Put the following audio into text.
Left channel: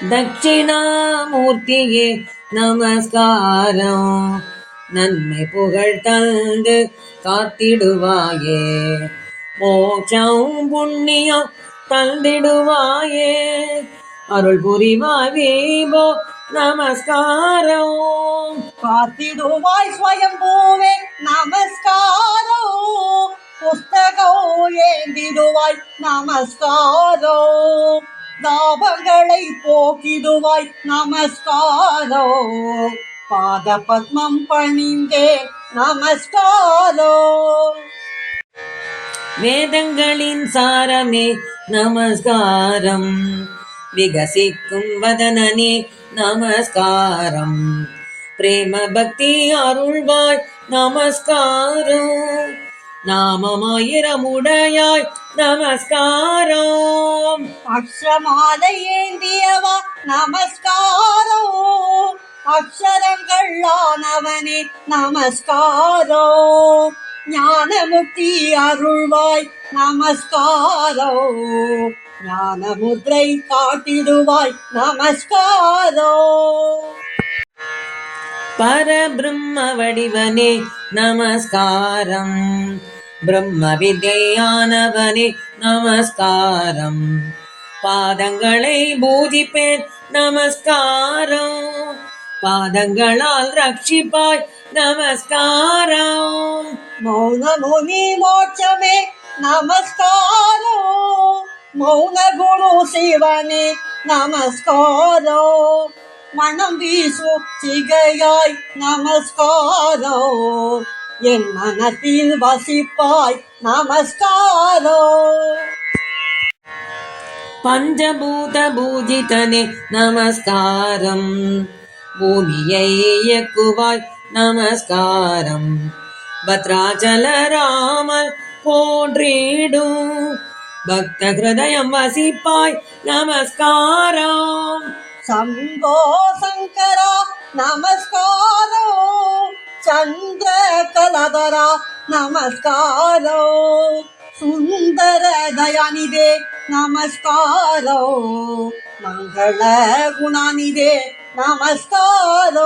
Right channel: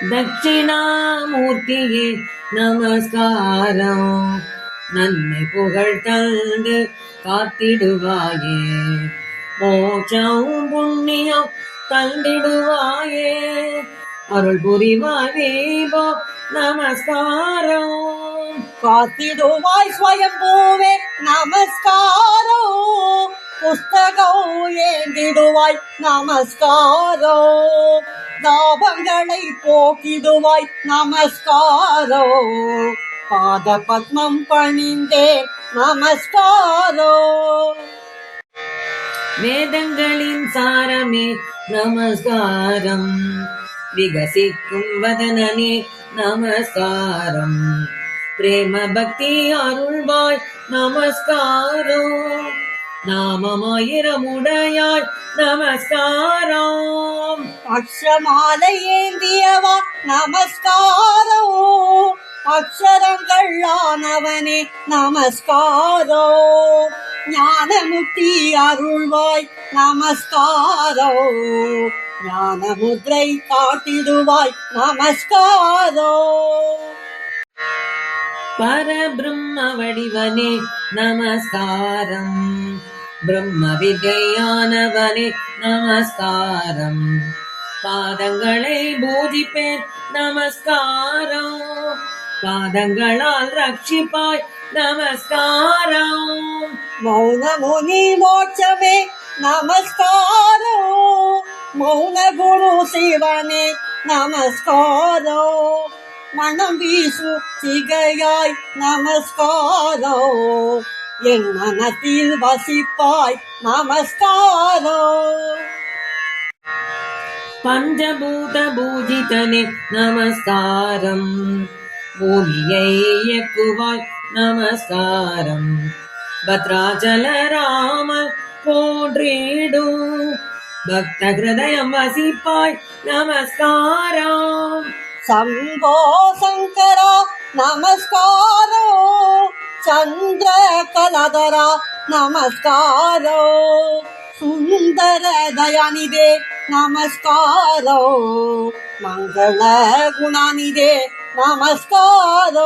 தட்சிணாமூர்த்தியே நமஸ்காரம். நன்மை புகழ் தந்து காத்திடுவாயே, மோட்சம் புண்ணியம் தந்திடுவாயே, அருள் புரிவாய் வீபோ நமஸ்காரம். காத்திடுவாய் ஸ்வயம்பூவே நமஸ்காரம். புஸ்தகம் ஏந்திடுவாய் நமஸ்காரம். தாபங்களை போக்கிடுவாய் நமஸ்காரம். பாத பத்மம் பணிந்தே நமஸ்காரம். வேதங்களின் சாரமே நமஸ்காரம். விகசிக்கும் வதனனே நமஸ்காரம். பிரேம பக்தி அருள்வாய் நமஸ்காரம். நாமமாயிரமுடையாய் நமஸ்காரம். அக்ஷமாலை ஏந்தியவா நமஸ்காரம். அக்ஷரங்கள் ஆனவனே நமஸ்காரம். ஞானமுக்தி அருள்வாய் நமஸ்காரம். ஞானமுத்ரை காட்டிடுவாய் நமஸ்காரம். பரபிரம்ம வடிவனே நமஸ்காரம். பிரம்ம வித்யானவனே நமஸ்காரம். பாதங்களை பூஜிப்பேன் நமஸ்காரம். பாதங்களால் ரட்சிப்பாய் நமஸ்காரம். மௌனமுனி மோட்சமே நமஸ்காரம். மௌன குரு சிவனே நமஸ்காரம். மனம் வீசு சிகையாய் நமஸ்காரம். என் மனத்தில் வசிப்பாய் நமஸ்காரம். பஞ்சபூத பூஜிதனே நமஸ்காரம். பூமியை இயக்குவாய் நமஸ்காரம். பத்ராச்சல ராமர் போற்றிடும் பக்த ஹிருதயம் வசிப்பாய் நமஸ்காரம். சம்போ சங்கரா நமஸ்காரம். சந்திர கலதரா நமஸ்காரம். சுந்தர தயாநிதே நமஸ்காரம். மங்கள குணாநிதே நமஸ்காரம்.